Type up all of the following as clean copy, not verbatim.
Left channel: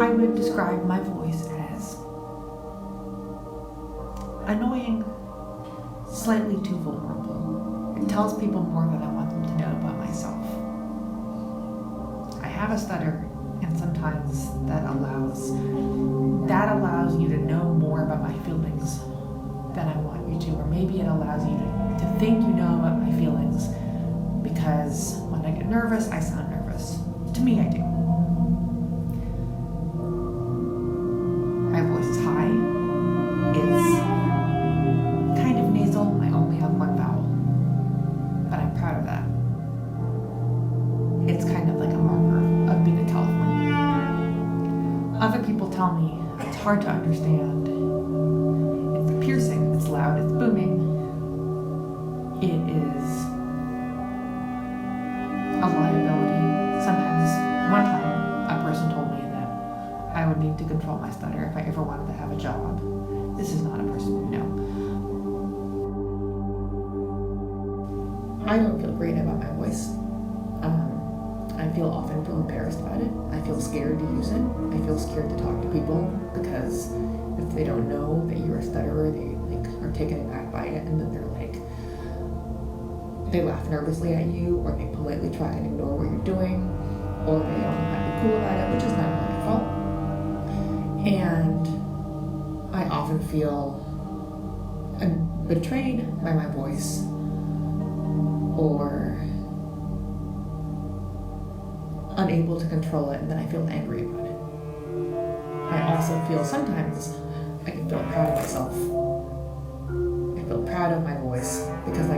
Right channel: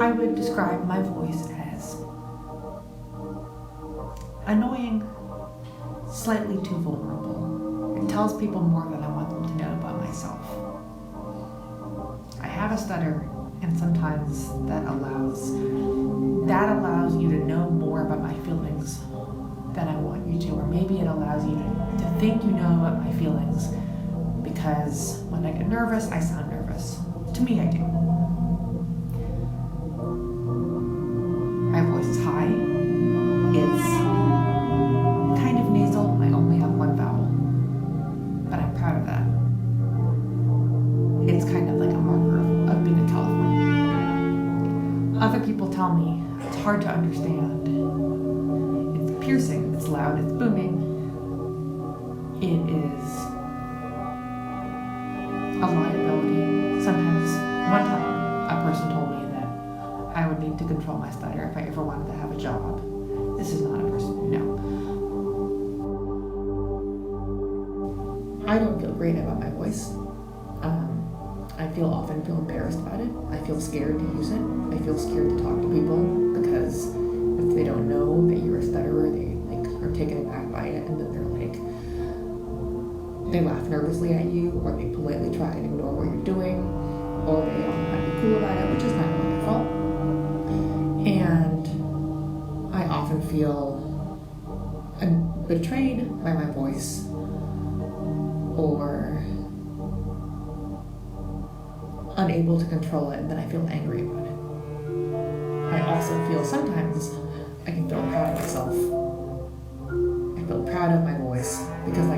I would describe my voice as annoying, slightly too vulnerable. It tells people more than I want them to know about myself. I have a stutter, and sometimes that allows you to know more about my feelings than I want you to, or maybe it allows you to think you know about my feelings because when I get nervous, I sound nervous. To me, I do. My voice is high. It's kind of nasal. I only have one vowel, but I'm proud of that. It's kind of like a marker of being a Californian. Other people tell me it's hard to understand. It's piercing, it's loud, it's booming. It is a liability. Sometimes, one time, a person told me that I would need to control my stutter if I ever wanted to have a job. This is not a person you know. I don't feel great about my voice. I often feel embarrassed about it. I feel scared to use it. I feel scared to talk to people because if they don't know that you're a stutterer, they are taken aback by it, and then they laugh nervously at you, or they politely try and ignore what you're doing, or they all might be cool about it, which is not really my fault. And I often feel betrayed by my voice, or unable to control it, and then I feel angry about it. I also feel sometimes I can feel proud of myself. I feel proud of my voice because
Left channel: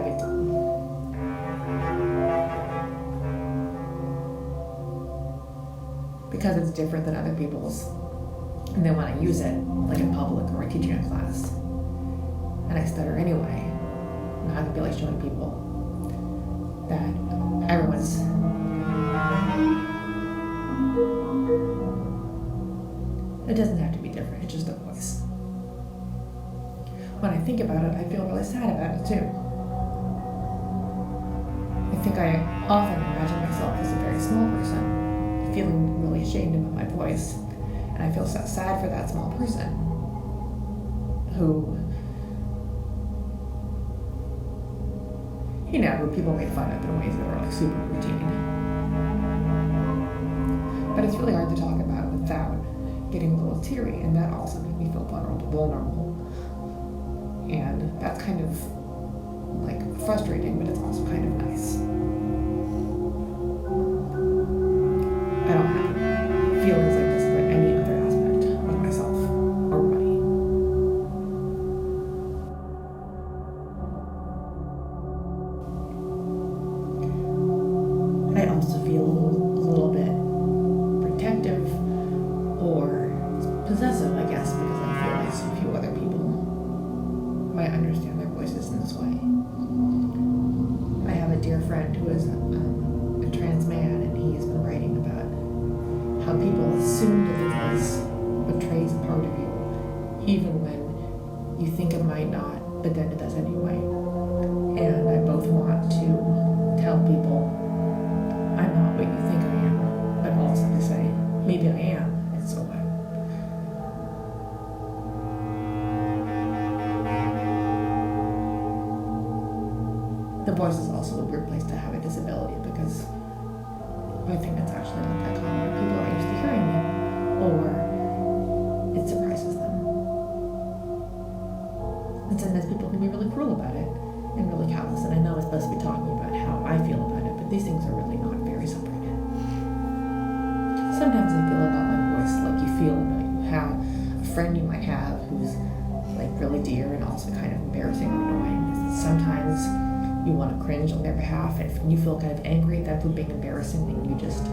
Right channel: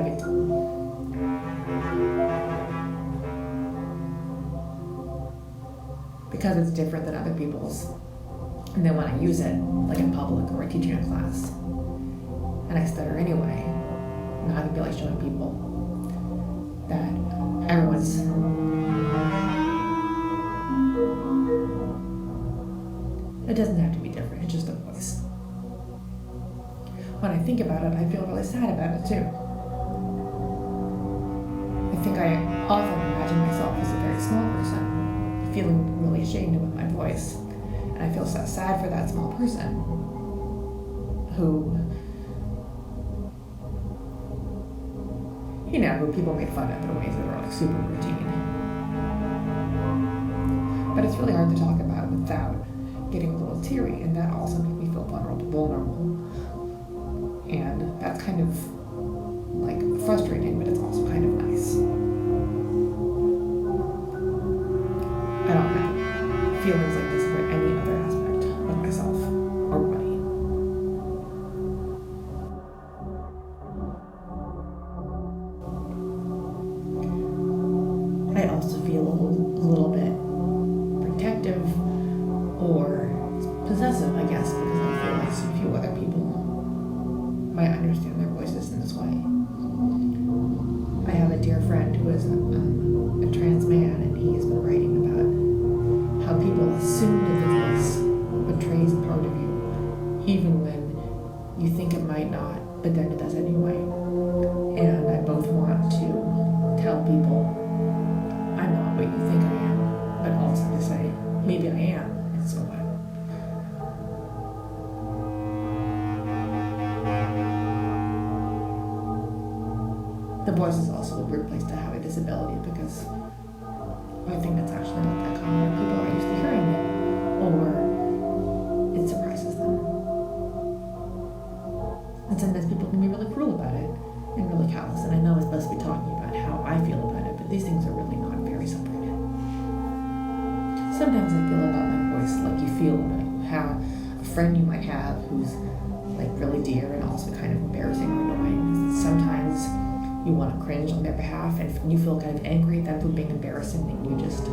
because it's different than other people's. And then when I use it, like in public or teaching a class, and I stutter anyway, now I can feel like showing people that everyone's it doesn't have to be different, it's just a voice. When I think about it, I feel really sad about it too. I think I often imagine myself as a very small person, feeling really ashamed about my voice. And I feel so sad for that small person who people made fun of in ways that are super routine. But it's really hard to talk about without getting a little teary, and that also makes me feel vulnerable. And that's kind of frustrating, but it's also kind of nice. I don't have feelings like this about any other aspect of myself or body. I also feel a little bit protective or possessive, I guess, because I feel like so few other people might understand their voices in this way. I have a dear friend who is a trans man, and he has been writing about how people assume that the voice betrays a part of you, even when you think it might not, but then it does anyway. And I both want to tell people, I'm not what you think I am, but also to say, maybe I am, and so what? The voice is also a weird place to have a disability because I think it's actually not that common. People are used to hearing it, or it surprises them. And sometimes people can be really cruel about it and really callous. And I know it's supposed to be talking about how I feel about it, but these things are really not very separated. Sometimes I feel about my voice like you feel about you have a friend you might have who's really dear and also kind of embarrassing or annoying. Sometimes you want to cringe on their behalf, and you feel kind of angry at them for being embarrassing, and you just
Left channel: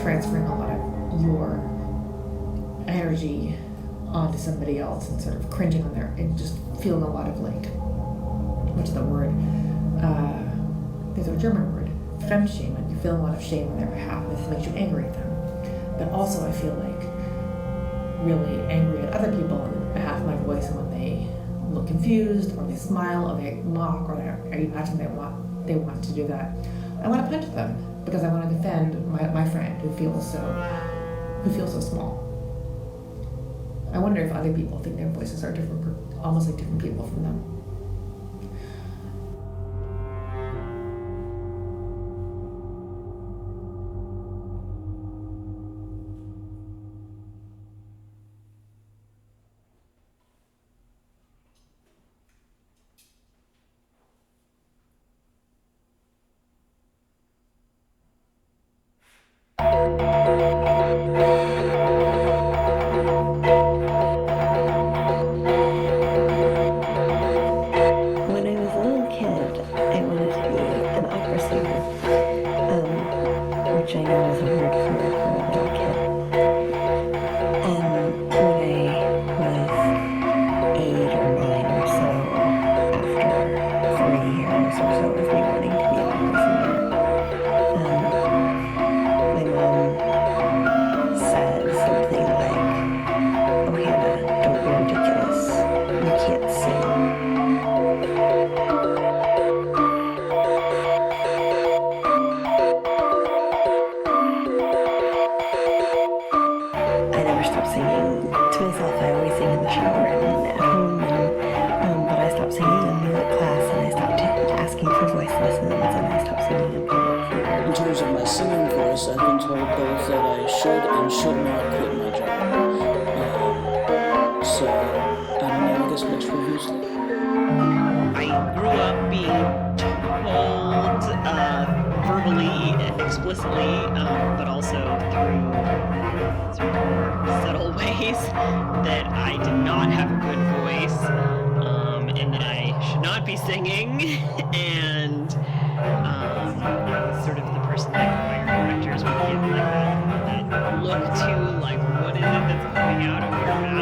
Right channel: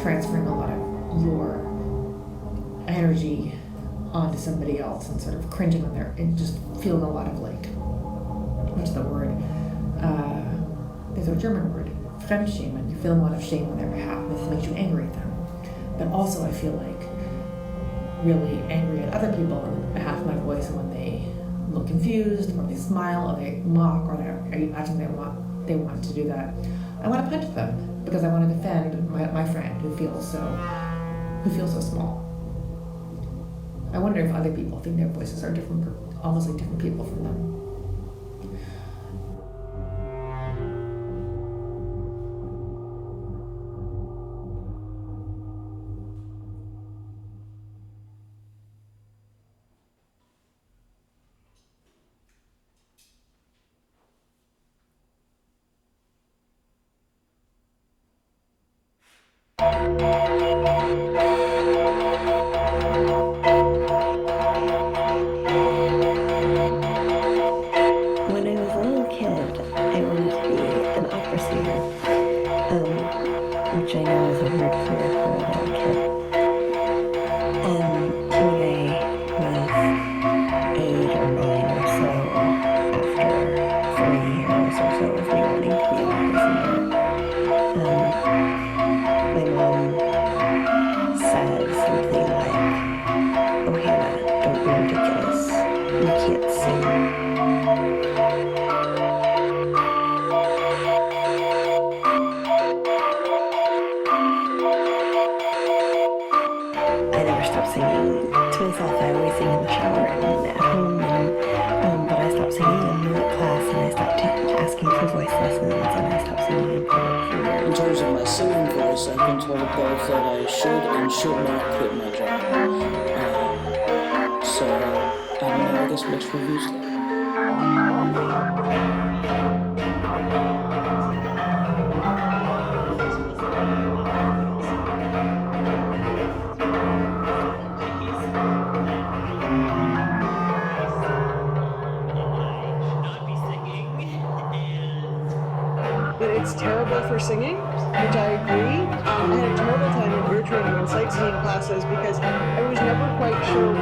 transferring a lot of your energy onto somebody else and sort of cringing on their, and just feeling a lot of what's the word? There's a German word, Fremdschämen. You feel a lot of shame on their behalf, and this makes you angry at them. But also I feel really angry at other people on behalf of my voice, and when they look confused, or they smile, or they mock, or I imagine they want to do that, I want to punch them. because I want to defend my friend who feels so small. I wonder if other people think their voices are different, almost like different people from them. When I was a little kid, I wanted to be an opera singer, which I know is a weird career for a little kid. And when I was 8 or 9 or so, after 3 years or so of me wanting to be an opera singer, my mom said something like, "Oh, Hannah, don't be ridiculous. You can't sing." I never stopped singing to myself. I always sing in the shower and at home, but I stopped singing in music class, and I stopped asking for voice lessons, and I stopped singing in public for years. In terms of my singing voice, I've been told both that I should and should not quit my job. So, I don't know, I guess mixed reviews there. I grew up being told verbally and explicitly, but also through sort of subtle ways, that I did not have a good voice, and that I should not be singing, and it's terrible for singing, which I agree. I had a terrible time in intro singing classes because I was never quite sure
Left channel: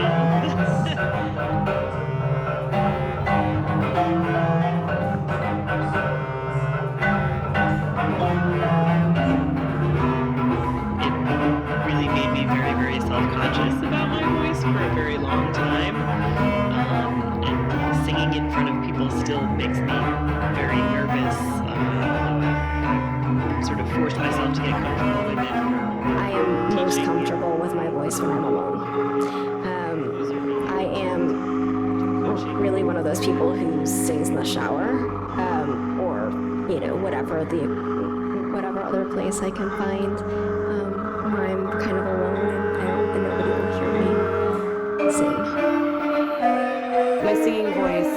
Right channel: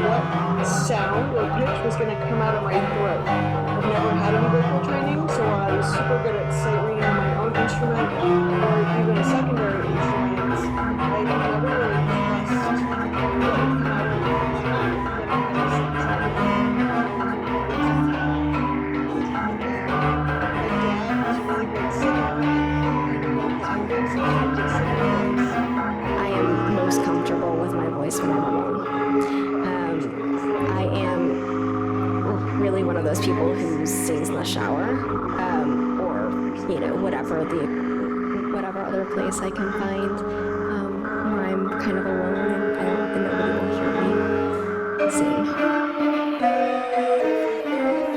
what sound or pitch was going to come out of my throat. I never had any vocal training, so while I was super good at singing on my own instrument and even secondary instruments, I never really made me very, very self-conscious about my voice for a very long time. And singing in front of people still makes me very nervous. Sort of force myself to get comfortable with it. I am most comfortable with my voice when I'm alone. I am really one of those people who sings in the shower, or whatever other place I can find where I'm kind of alone and nobody will hear me sing. my singing voice,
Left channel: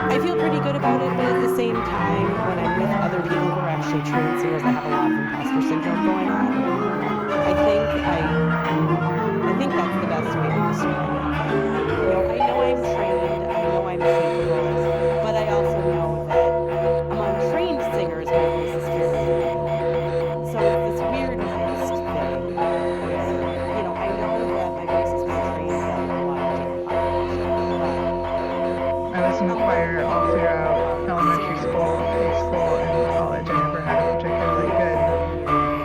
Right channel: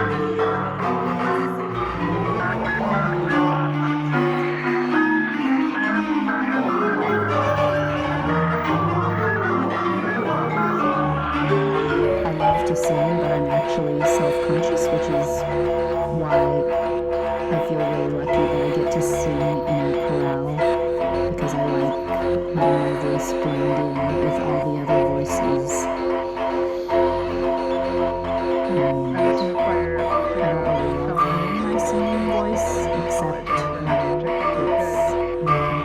I feel pretty good about it, but at the same time, when I'm with other people who are actually trained singers that have imposter syndrome going on, I think that's the best way to describe it. I have to say that I'm actually self-conscious, which is But I also know why among I trained feel singers, like people people still get to see me so it's weird because I because love my voice blending with all the other voices. I was in the choir all throughout elementary school and high school and college. I never had a particularly good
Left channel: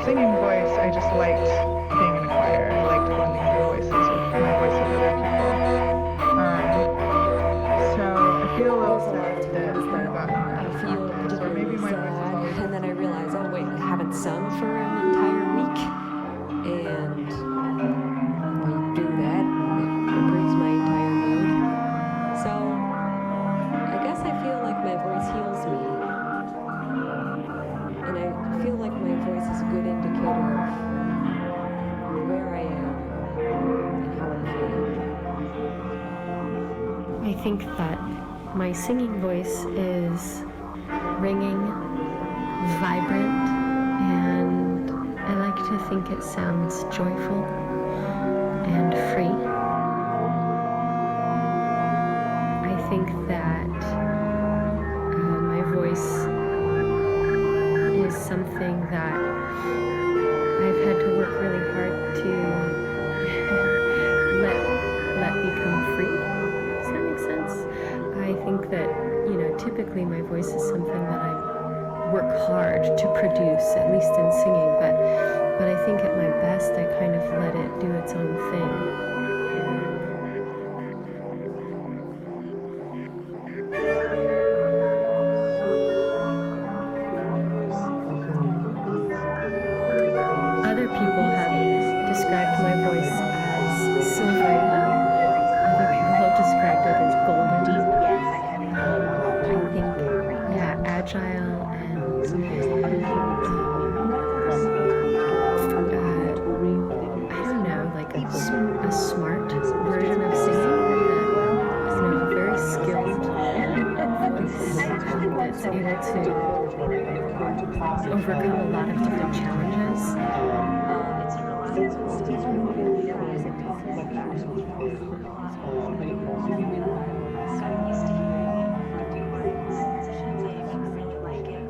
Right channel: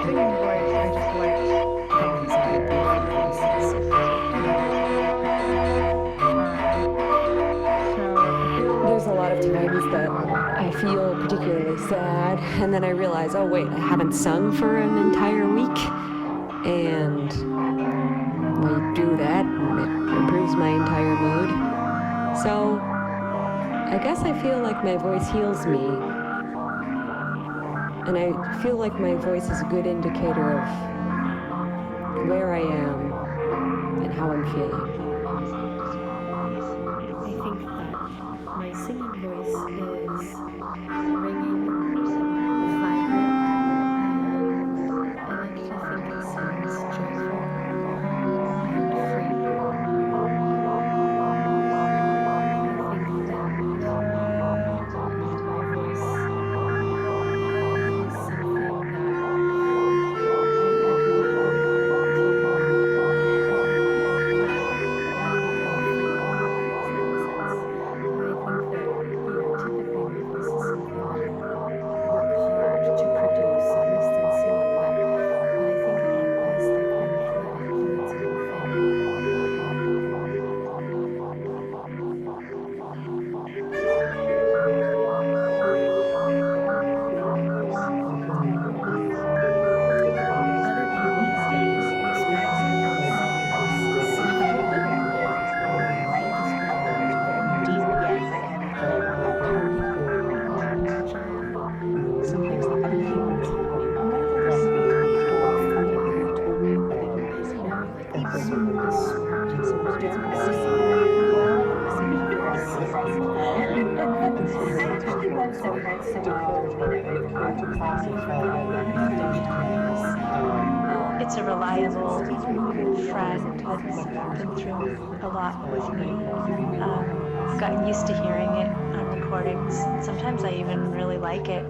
singing voice. I just liked being in the choir. I liked blending my voices with my voice with other people. So I feel There's a lot of times that I feel particularly sad, and then I realize, oh wait, I haven't sung for an entire week, and I do that, and it improves my entire mood. So I guess I feel like my voice heals me, and I feel like my voice is a good indicator of where I am and how I'm feeling. I think that my singing voice is ringing, vibrant, and I like to think it sounds joyful and free. I think that my voice is something that I've had to work really hard to let become free. Does that make sense? I think that, typically my voice is something that I work hard to produce, at least in singing, but I think at my best I kind of let it do its own thing. overcome a lot of different challenges. It's a reliable friend that's been through a lot with me. Gotten used to hearing it on recordings. Sometimes I even really like it.